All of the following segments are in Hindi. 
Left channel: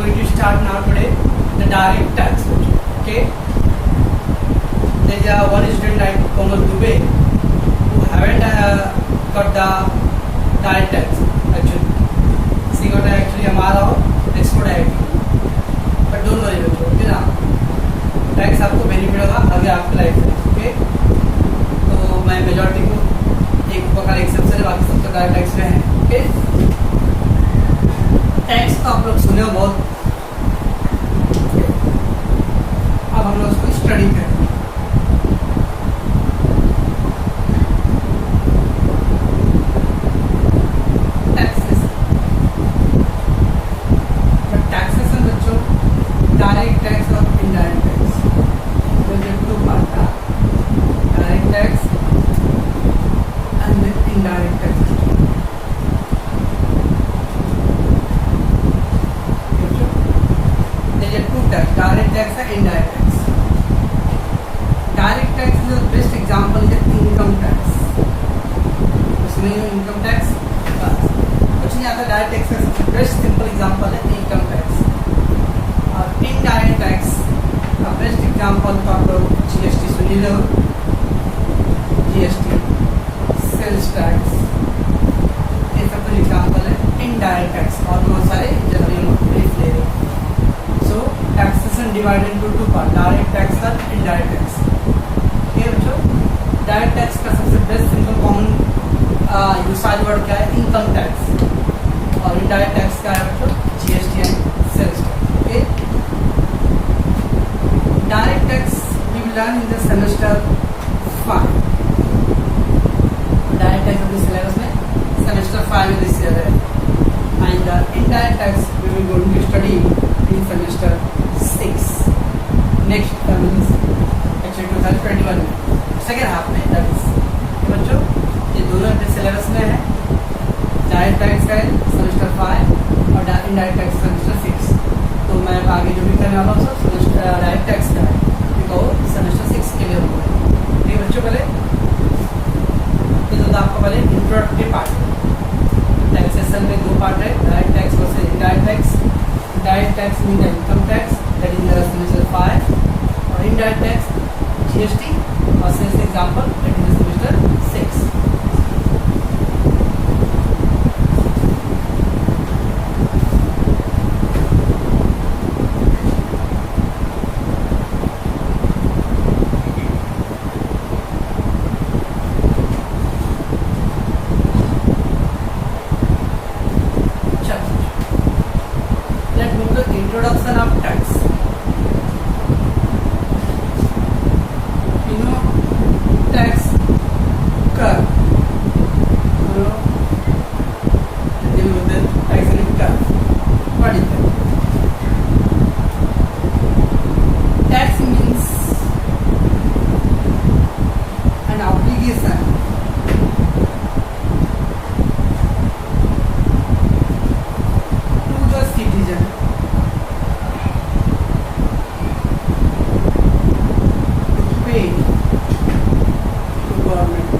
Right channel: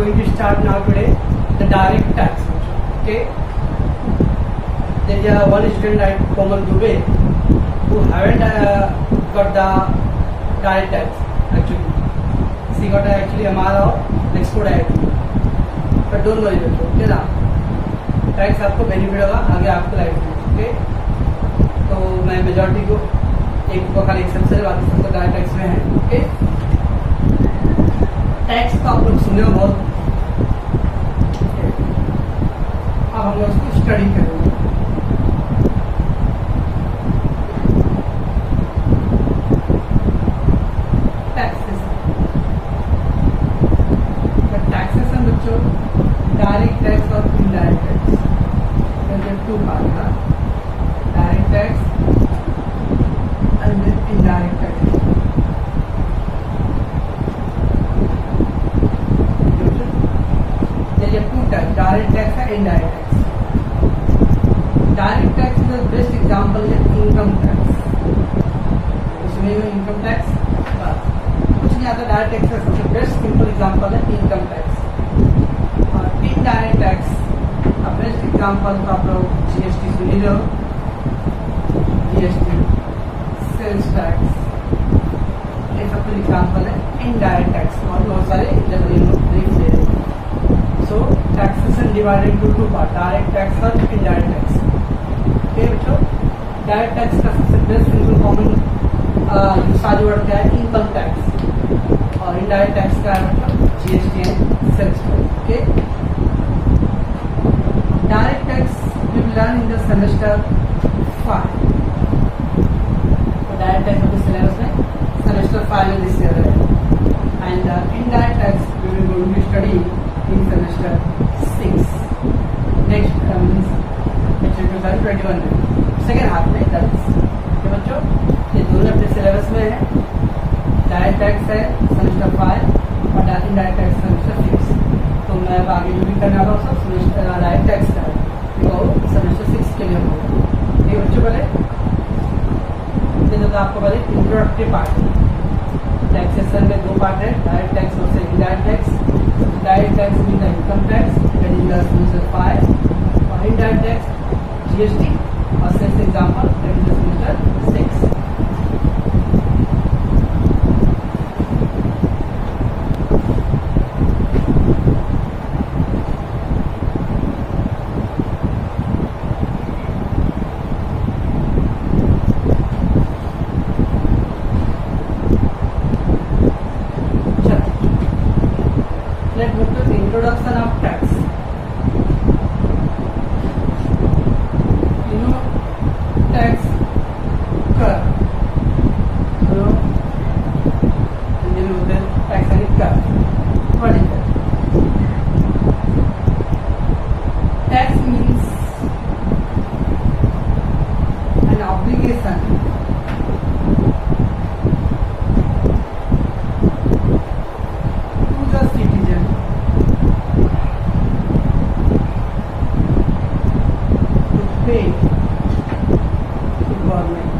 going to start now today the direct tax. Okay, there is one student like Komal Dubey who haven't got the direct tax actually. She got actually हमारा export IIT, but don't worry बच्चों, okay ना, टैक्स आपको बेनिफिट होगा आगे आपके लाइफ में. ओके, तो मैं मेजॉरिटी को एक खाली एक्सेप्शन है, बाकी सब तो डायरेक्ट टैक्स में है. ओके, टैक्स तो आप लोग सुने हो बहुत. अब हम लोग उसको स्टडी करेंगे. टैक्सेशन बच्चों, डायरेक्ट टैक्स और इनडायरेक्ट टैक्स, टू पार्ट था. Direct tax and indirect tax. Two tax, direct tax and indirect tax. Direct tax is the best example is income tax. उसमें इनकम टैक्स बस कुछ नहीं आता. डायरेक्ट टैक्स का सबसे बेस्ट सिंपल एग्जांपल है इनकम टैक्स. और इनडायरेक्ट टैक्स का बेस्ट एग्जांपल तो आप लोग जीएसटी सुनी लो. जीएसटी, सेल्स टैक्स, ये सब कुछ एग्जांपल है इनडायरेक्ट टैक्स. और बहुत सारे जनरली हम लोग ब्रीफ ले रहे हैं. So taxation divided into two parts, direct tax और indirect tax. Okay बच्चों, direct tax का सबसे best simple common usage word क्या है? Income tax. और indirect tax का है बच्चों GST and sales tax. Okay, direct tax we will learn in the semester 5. Direct tax अपने सिलेबस में semester 5 में दिस ईयर है. And indirect tax we will going to study in semester 6 next means actually 2021 में सेकेंड हाफ में. दैट इज बच्चों ये दोनों अपने सिलेबस में है. डायरेक्ट टैक्स है सेमेस्टर 5 और इनडायरेक्ट टैक्स सेमेस्टर 6. तो मैं आगे जो भी करने वाला हूँ सब डायरेक्ट टैक्स का है, तो सेमेस्टर 6 के लिए होगा. ठीक है बच्चों, पहले तो आपको पहले इंट्रोडक्टरी पार्ट है. टैक्सेशन में दो पार्ट है, डायरेक्ट टैक्स और indirect tax. Direct tax means the income tax, that is in the semester 5, or indirect tax GST or sales example, that is in the semester 6. Let's move to the introduction of tax. You know, tax कर, हिंदी में बोलते हैं tax यानी कर. What is that? Tax means an obligation to the citizen to pay to government.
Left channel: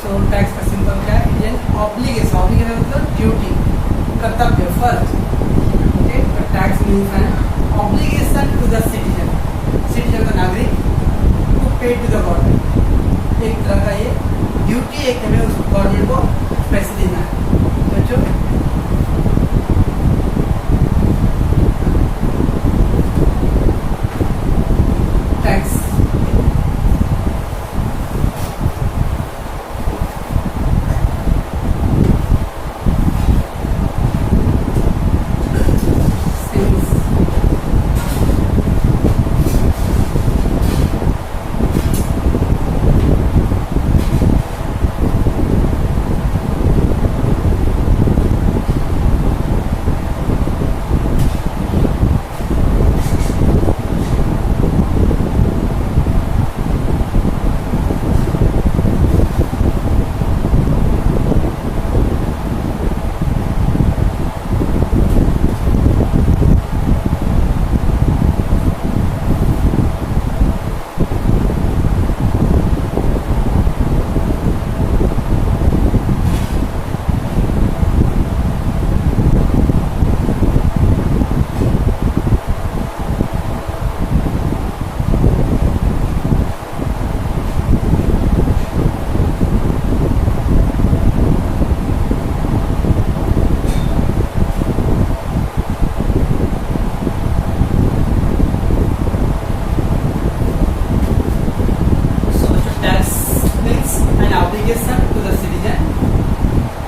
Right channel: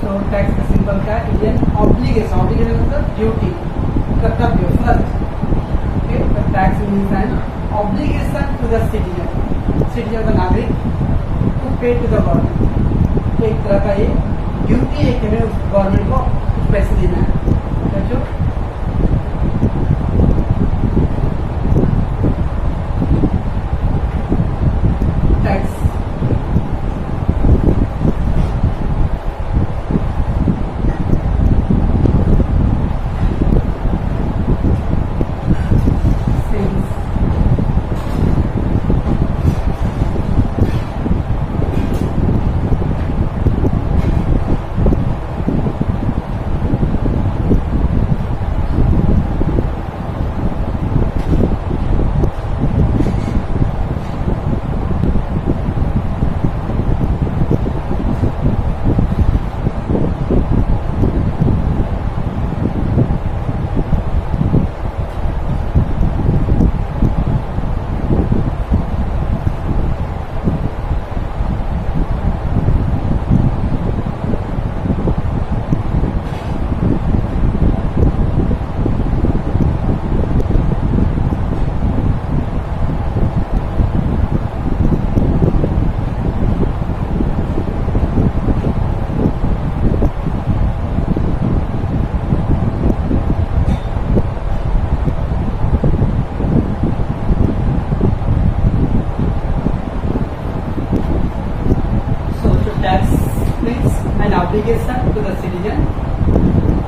So tax का सिंपल क्या है? ये ऑब्लिगेशन. ऑब्लिगेशन मतलब ड्यूटी, कर्तव्य, फर्ज. Okay, tax means an obligation to the citizen, citizen का नागरिक, to pay to the government. एक तरह का ये ड्यूटी है कि हमें उस गवर्नमेंट को कुछ पैसे देना है. बच्चों tax obligation to the citizen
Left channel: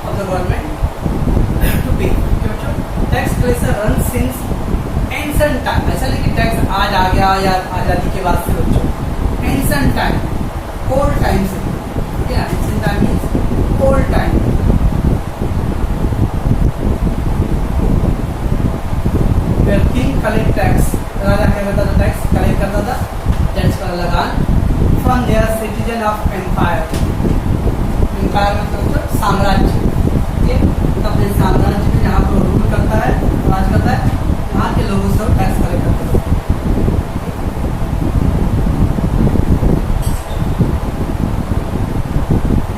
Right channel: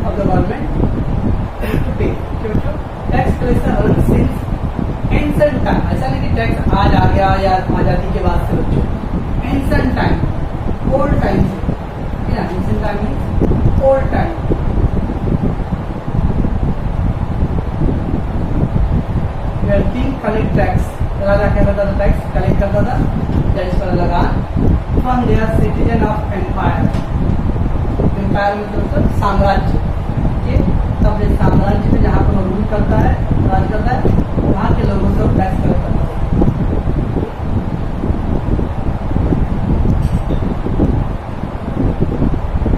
of the government to pay. बच्चों tax collection run since ancient time, ऐसा नहीं कि टैक्स आज आ गया या आजादी के बाद से बच्चों, एंशिएंट टाइम ओल्ड टाइम से, या ancient time means old time. Where king collect tax, राजा क्या करता था, टैक्स कलेक्ट करता था, that's called lagaan from their citizen of empire. Empire मतलब साम्राज्य, ठीक है, अपने साम्राज्य में जहाँ पर रूल करता है, राज करता है, वहाँ के लोगों से टैक्स कलेक्ट करता है।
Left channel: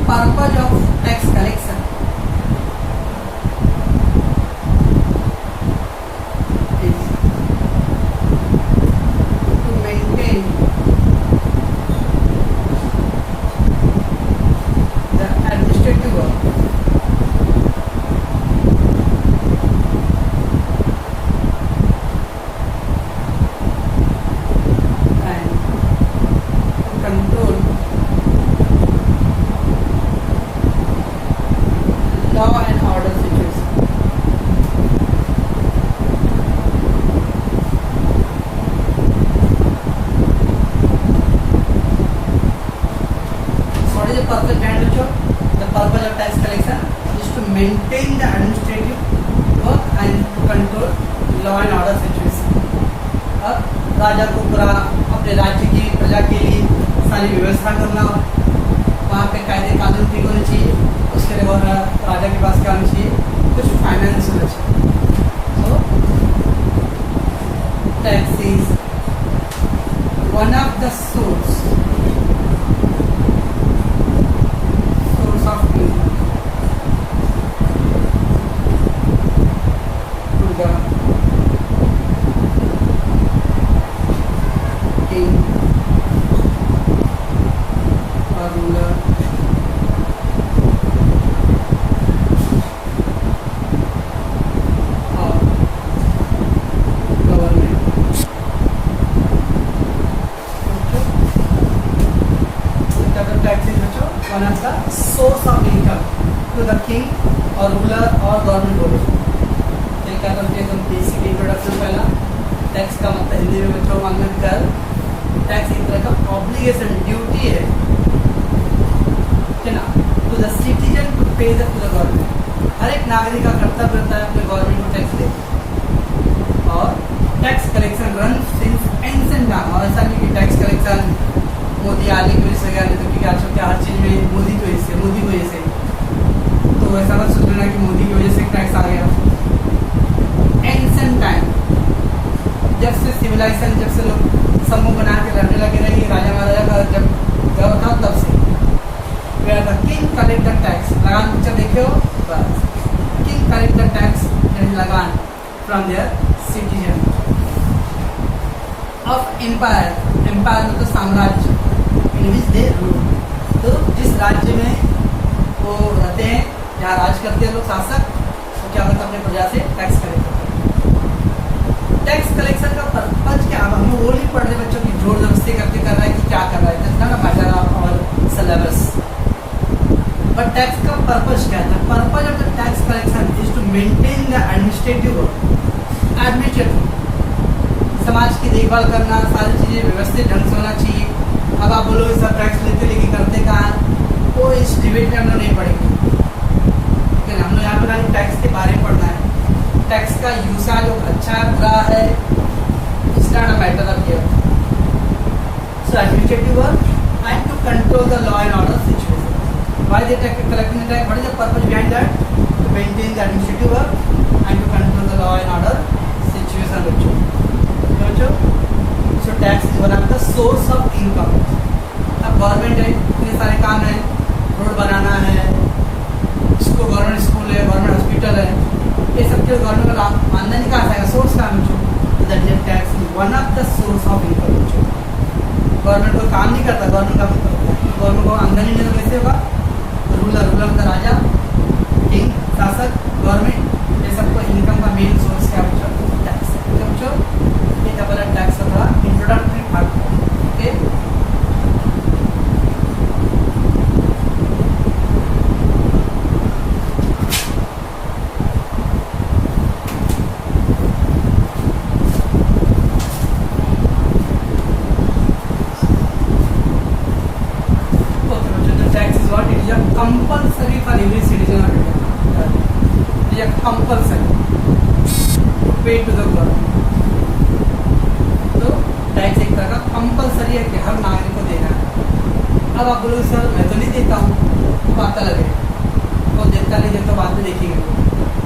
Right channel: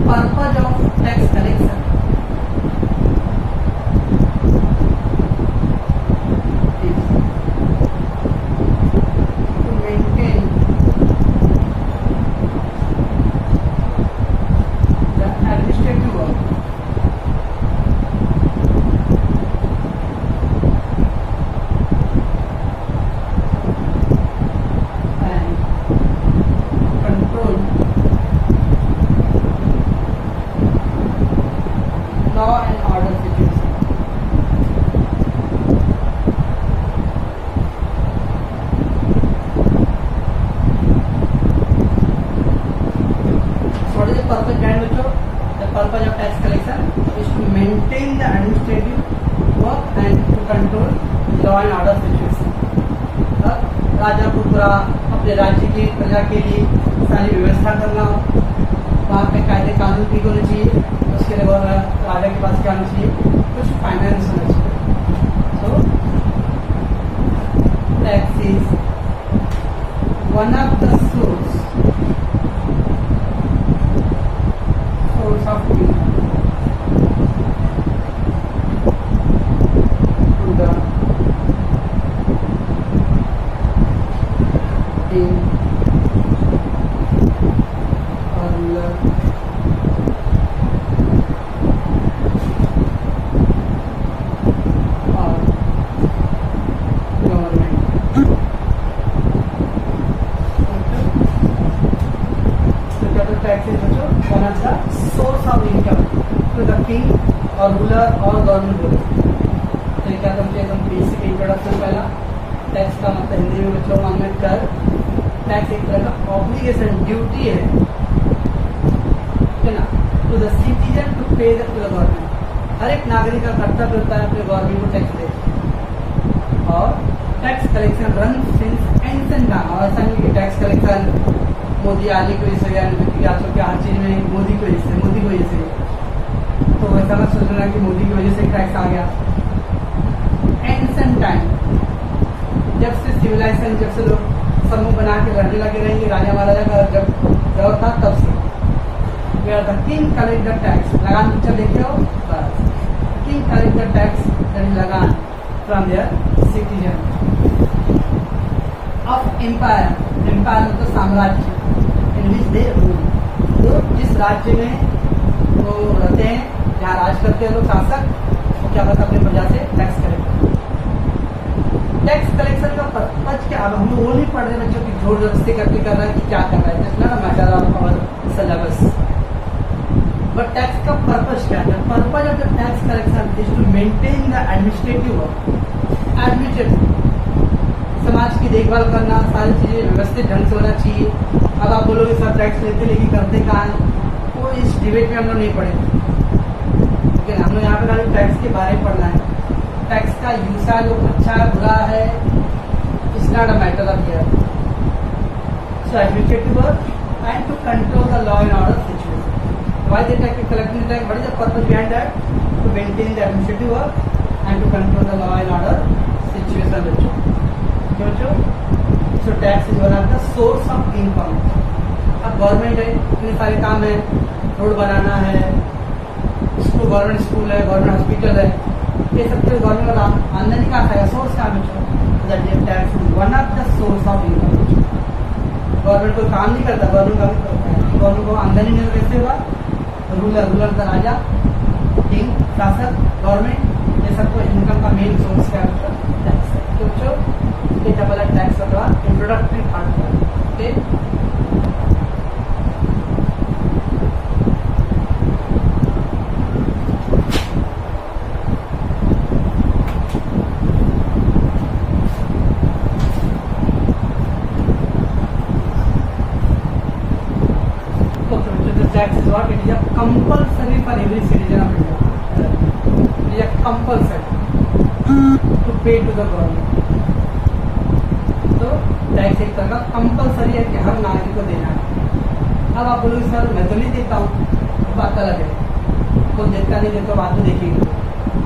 Purpose of tax collection is to maintain the administrative work law and order situation. So what is the purpose behind it? The purpose of tax collection is to maintain the administrative work and to control law and order situation. राजा को पूरा अपने राज्य की प्रजा के लिए सारी व्यवस्था करना, वहाँ पे कायदे कानून ठीक होने चाहिए, उसके लिए और राजा के पास क्या होना चाहिए, कुछ फाइनेंस होना चाहिए। So tax is one of the source of income to the king और ruler one of the source of income to the king or ruler or government बोलो। तो ये क्या करते हैं, हम बेसिक इंट्रोडक्शन पहला। टैक्स का मतलब हिंदी में बच्चों मांगना कर, टैक्स एक तरह का ऑब्लिगेशन, ड्यूटी है ना, to the citizen to pay to the government. हर एक नागरिक का कर्तव्य होता है अपने गवर्नमेंट को टैक्स दे। और tax collection run since ancient time, और ऐसा नहीं कि टैक्स कलेक्शन मोदी आने की वजह से गया, नहीं तो आजकल क्या हर चीज़ में मोदी की वजह से, मोदी की वजह से, तो वैसा मत सोचना कि मोदी की वजह से टैक्स आ गया। एंशिएंट टाइम, जब से सिविलाइजेशन, जब से लोग समूह बना के लड़ने लगे रहे, राजा महाराजा का जब दौर था तब से। Where the king collect the tax, लगान पिक्चर देखियो, बस किंग कलेक्ट द टैक्स लगान from their citizen of empire. Empire मतलब साम्राज्य, इन विच दे रूल। तो जिस राज्य में वो रहते हैं, जहाँ राज करते हैं लोग शासक, वो क्या करते हैं, अपनी प्रजा से टैक्स कलेक्ट करते हैं। टैक्स कलेक्शन का पर्पज क्या, अब हम वो नहीं पढ़ रहे बच्चों की जोर जबरदस्ती करके कर रहे हैं कि क्या कर रहा है, इतना ना matter of our syllabus. But tax का पर्पज क्या है? Purpose of the tax collection is to maintain the administrative work. Administrative समाज की देखभाल करना, सारी चीज़ें व्यवस्थित ढंग से होना चाहिए। अब आप बोलोगे सब टैक्स लेते लेकिन करते कहाँ हैं, वो इस डिबेट में हम लोग नहीं पढ़ेंगे, ठीक है ना। हम लोग यहाँ पर टैक्स के बारे में पढ़ना है। टैक्स का यूसेज जो अच्छा है बुरा है, it's not a matter of here. So administrative work and to control the law and order situation. Why they collecting tax, what is the purpose behind that? To maintain the administrative work and to control the law and order situation बच्चों। So tax is one of the source of income. अब गवर्नमेंट है, इतने सारे काम है, रोड बनाना है, इसको गवर्नमेंट स्कूल है, गवर्नमेंट हॉस्पिटल है, ये सब जो गवर्नमेंट का आमदनी कहाँ से आएगा, सोर्स कहाँ बच्चों? That tax is one of the source of income बच्चों। गवर्नमेंट कोई काम नहीं करता, गवर्नमेंट का गवर्नमेंट को आमदनी नहीं तो कैसे होगा? रूलर का राजा, किंग, शासक, गवर्नमेंट, ये सबको इनकम का मेन सोर्स क्या बच्चों? टैक्स है। तो बच्चों ये था पहला टैक्स का थोड़ा introductory part, okay. Compulsory for every citizen of India, compulsory to pay to the government. तो टैक्स एक तरह का कंपल्सरी है कि हर नागरिक को देना है। अब आप बोलोगे सर मैं तो नहीं देता हूँ, तो बात अलग है, तो देता नहीं देता बात में देखेंगे,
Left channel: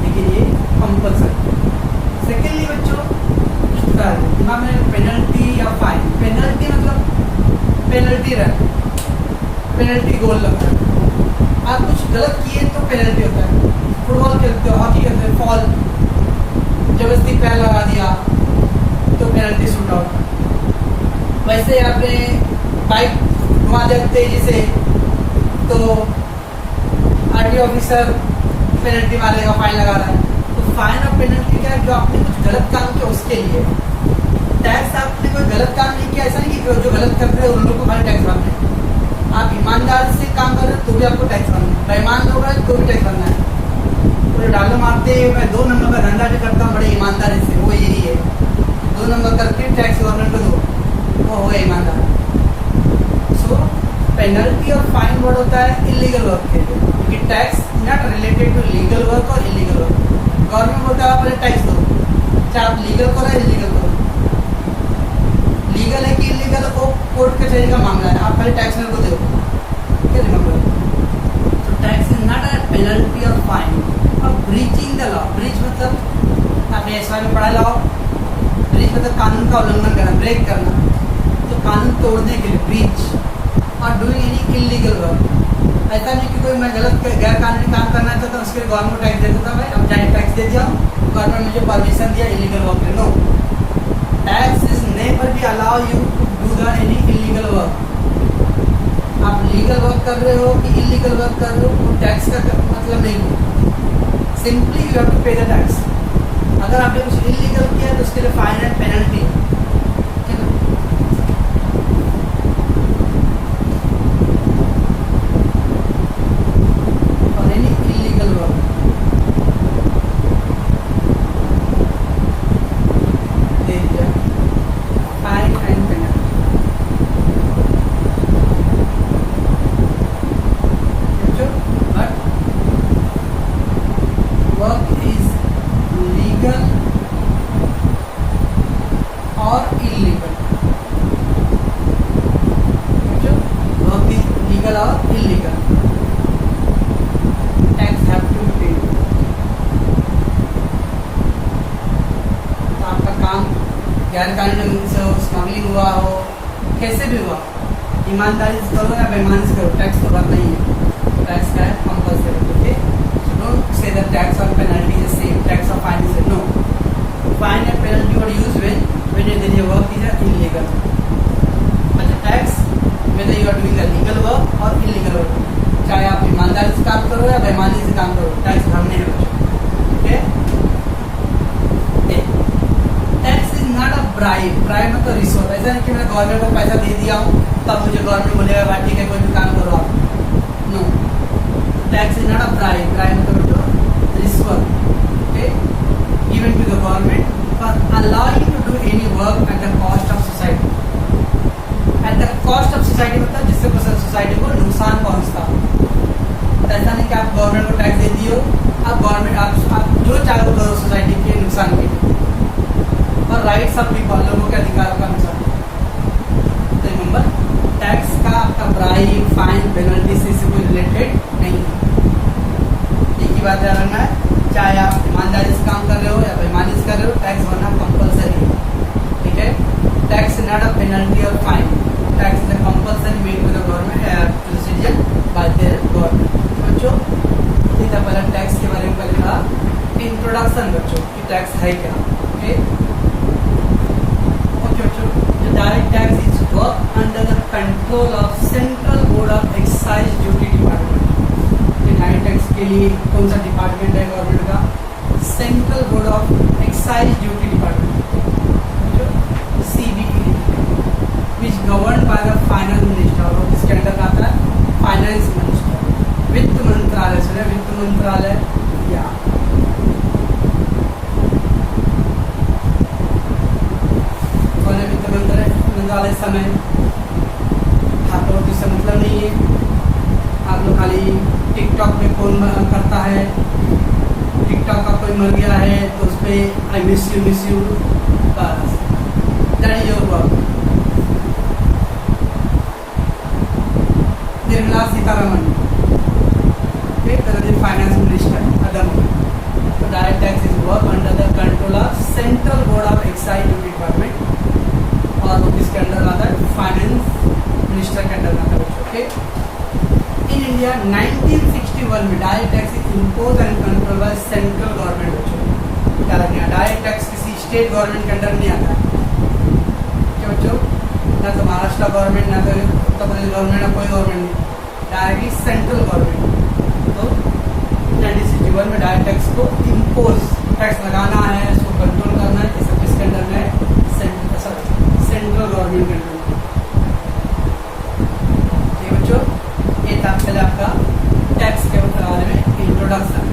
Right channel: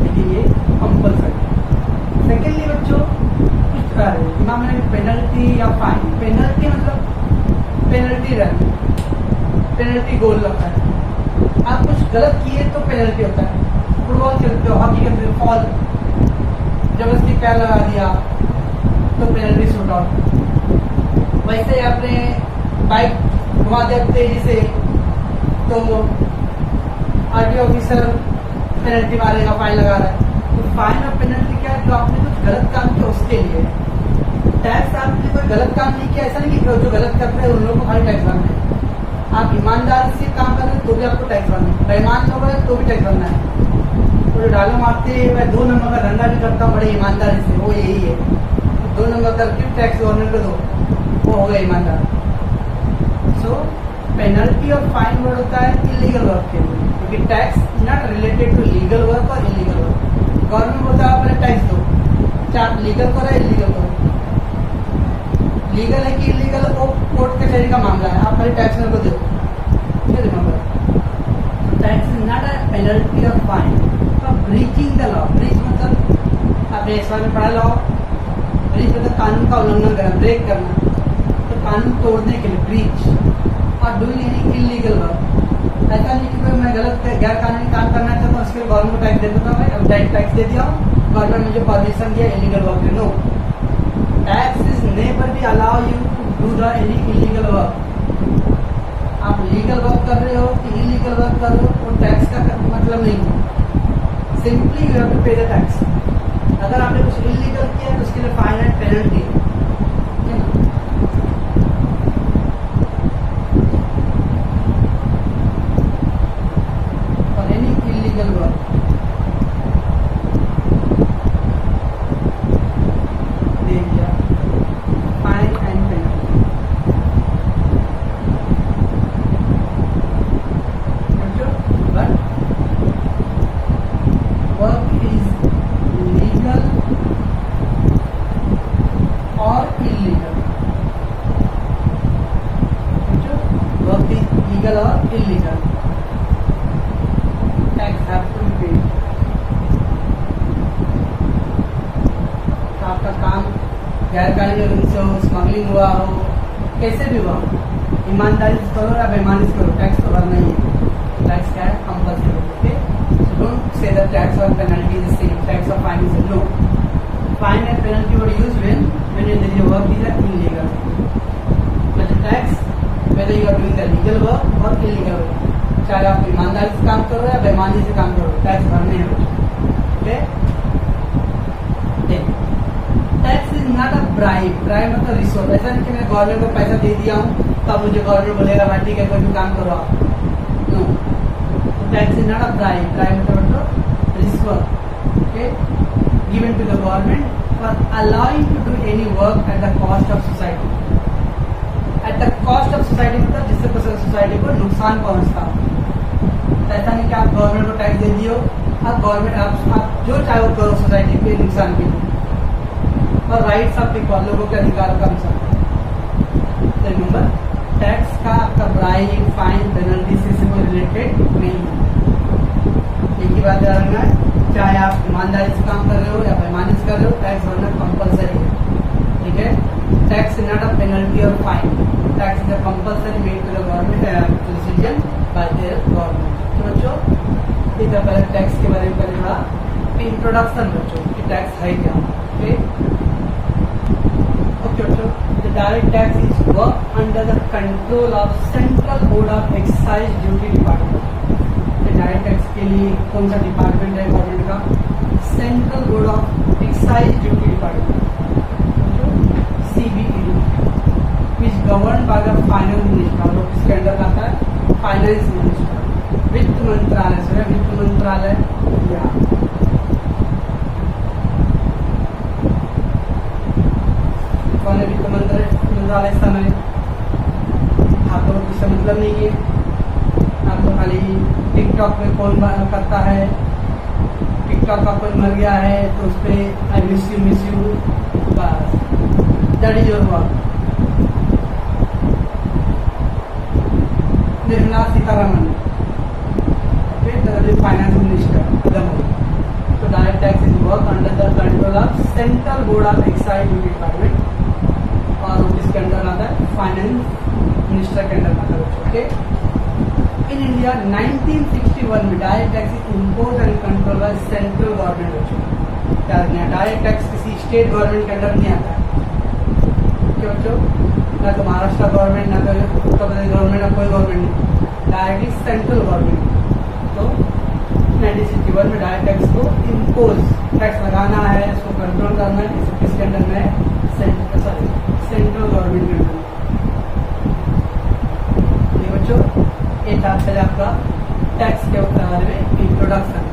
लेकिन ये कंपल्सरी। सेकेंडली बच्चों दिमाग में पेनल्टी या फाइन, पेनल्टी मतलब पेनल्टी रन, पेनल्टी गोल लगता है। आप कुछ गलत किए तो पेनल्टी होता है। फुटबॉल खेलते हो, हॉकी खेलते हो, फॉल जबरदस्ती पैर लगा दिया तो पेनल्टी शूट आउट। वैसे आपने बाइक घुमा दिया तेजी से तो आरटीओ ऑफिसर पेनल्टी मारेगा, फाइन लगा रहा है। तो फाइन और पेनल्टी क्या है? जो आपने कुछ गलत काम किया उसके लिए। टैक्स आपने कोई गलत काम नहीं किया, ऐसा नहीं कि जो गलत कर रहे हैं उन लोगों को खाली टैक्स भरना है। आप ईमानदार से काम कर रहे हो तो भी आपको टैक्स भरना है, बेईमान लोग हैं तो भी टैक्स भरना है। तो जो डालो मारते हैं मैं 2 नंबर का धंधा भी करता हूँ बड़े ईमानदारी से, वो यही है 2 नंबर करके टैक्स गवर्नमेंट को दो, वो हो गया ईमानदार। सो पेनल्टी और फाइन वर्ड होता है इलीगल वर्क के लिए, क्योंकि tax not related to legal work और इलीगल वर्क। गवर्नमेंट बोलता है आप पहले टैक्स दो, चाहे आप लीगल करो या इलीगल करो। लीगल है कि इलीगल है वो कोर्ट कचहरी का मामला है, आप खाली टैक्स मेरे को दो, ठीक है, रिमेंबर। तो tax is not a penalty और फाइन। अब ब्रीचिंग द लॉ, ब्रीच मतलब आपने इस बार में पढ़ा लॉ, ब्रीच मतलब कानून का उल्लंघन करना, ब्रेक करना, तो कानून तोड़ने के लिए ब्रीच। और डूइंग एनी इलीगल वर्क, ऐसा नहीं कि कोई मैं गलत गैर कानूनी काम करना चाहता हूँ उसके लिए गवर्नमेंट टैक्स दे देता हूँ, मैं अब डायरेक्ट टैक्स दे दिया हूँ, गवर्नमेंट मुझे परमिशन दिया इलीगल वर्क के। No, tax is never be allow you to do the any illegal work. आप लीगल वर्क कर रहे हो कि इलीगल वर्क कर रहे हो वो टैक्स का मतलब नहीं है। सिंपली यू हैव टू पे द टैक्स। अगर आपने कुछ इलीगल किया तो उसके लिए फाइन एंड पेनल्टी है, ठीक है ना। और एनी इलीगल वर्क दे दिया fine and penalty. But work is legal और इलीगल, वर्क इज लीगल और illegal, tax have to be paid. तो आपका काम गैर कानूनी से हो, स्मगलिंग हुआ हो, कैसे भी हुआ, ईमानदारी से करो या बेईमानी से करो, टैक्स तो भरना ही है। टैक्स क्या है? Compulsory. Okay, so don't say that tax और penalty is the same, tax और fine is no. Fine and penalty were use when the work is illegal. But the tax, whether you are doing a legal work or illegal work, चाहे आप ईमानदारी से काम करो या बेईमानी से काम करो, टैक्स भरने हैं। Okay, tax is not a bribe. Bribe मतलब रिश्वत। ऐसा नहीं कि मैं गवर्नमेंट को पैसा दे दिया हूँ तब मुझे गवर्नमेंट बोलेगा भाई ठीक है कोई भी काम करो आप। No, tax is not a bribe. Bribe मतलब रिश्वत, okay, given to the government for allowing to do any work at the cost of society. At the cost of society मतलब जिससे सोसाइटी को नुकसान पहुंचता हो। ऐसा नहीं कि आप गवर्नमेंट को टैक्स दे दियो, आप गवर्नमेंट आप जो चाहो करो सोसाइटी के नुकसान के लिए। और राइट्स ऑफ पीपल, लोगों के अधिकारों का नुकसान। तो रिमेंबर, टैक्स का आपका ब्राइब, फाइन, पेनल्टी से कोई रिलेटेड नहीं है। एक ही बात ध्यान रखना है, चाहे आप ईमानदारी से काम कर रहे हो या बेईमानी से कर रहे हो, टैक्स भरना कंपलसरी है, ठीक है। टैक्स नॉट अ पेनल्टी और fine, tax is a compulsory made to the government to the citizen by their government. बच्चों, ये था पहले टैक्स के बारे में पहले था इंट्रोडक्शन बच्चों कि टैक्स है क्या। ओके ओके बच्चों, the direct tax is work under the control of central board of excise duty department. Direct tax के लिए कौन सा डिपार्टमेंट है गवर्नमेंट का? Central board of excise duty department, जो CBED, which govern by the finance minister. और इसके अंदर आता है फाइनेंस मिनिस्टर। वित्त मंत्रालय, सुना वित्त मंत्रालय या कौन है वित्त मंत्रालय? समय आप लोगों को इससे मतलब नहीं है, आप लोग खाली टिकटॉक पे कौन करता है, टिकटॉक का कोई मर गया है तो उस पर आई मिस यू बस, that is your work. Nirmala Sitharaman, okay, the finance minister at the moment. So direct tax is work under the control of Central Board of Excise Duty Department और वो किसके अंडर आता है, फाइनेंस मिनिस्टर के अंडर आता है। ओके, इन इंडिया 1961 में direct tax impose and control by central government. बच्चों क्या रखना है, डायरेक्ट टैक्स किसी स्टेट गवर्नमेंट के अंडर नहीं आता है। क्या बच्चों, ना तो महाराष्ट्र गवर्नमेंट, ना तो उत्तर प्रदेश गवर्नमेंट, ना कोई गवर्नमेंट नहीं, डायरेक्टली सेंट्रल गवर्नमेंट। तो 1961 में डायरेक्ट टैक्स को इम्पोज, टैक्स लगाना है, उसको कंट्रोल करना है, इस किसके अंडर में, सेंट्रल गवर्नमेंट के अंडर में। ये बच्चों, ये था पहले आपका टैक्स के बारे में इंट्रोडक्शन।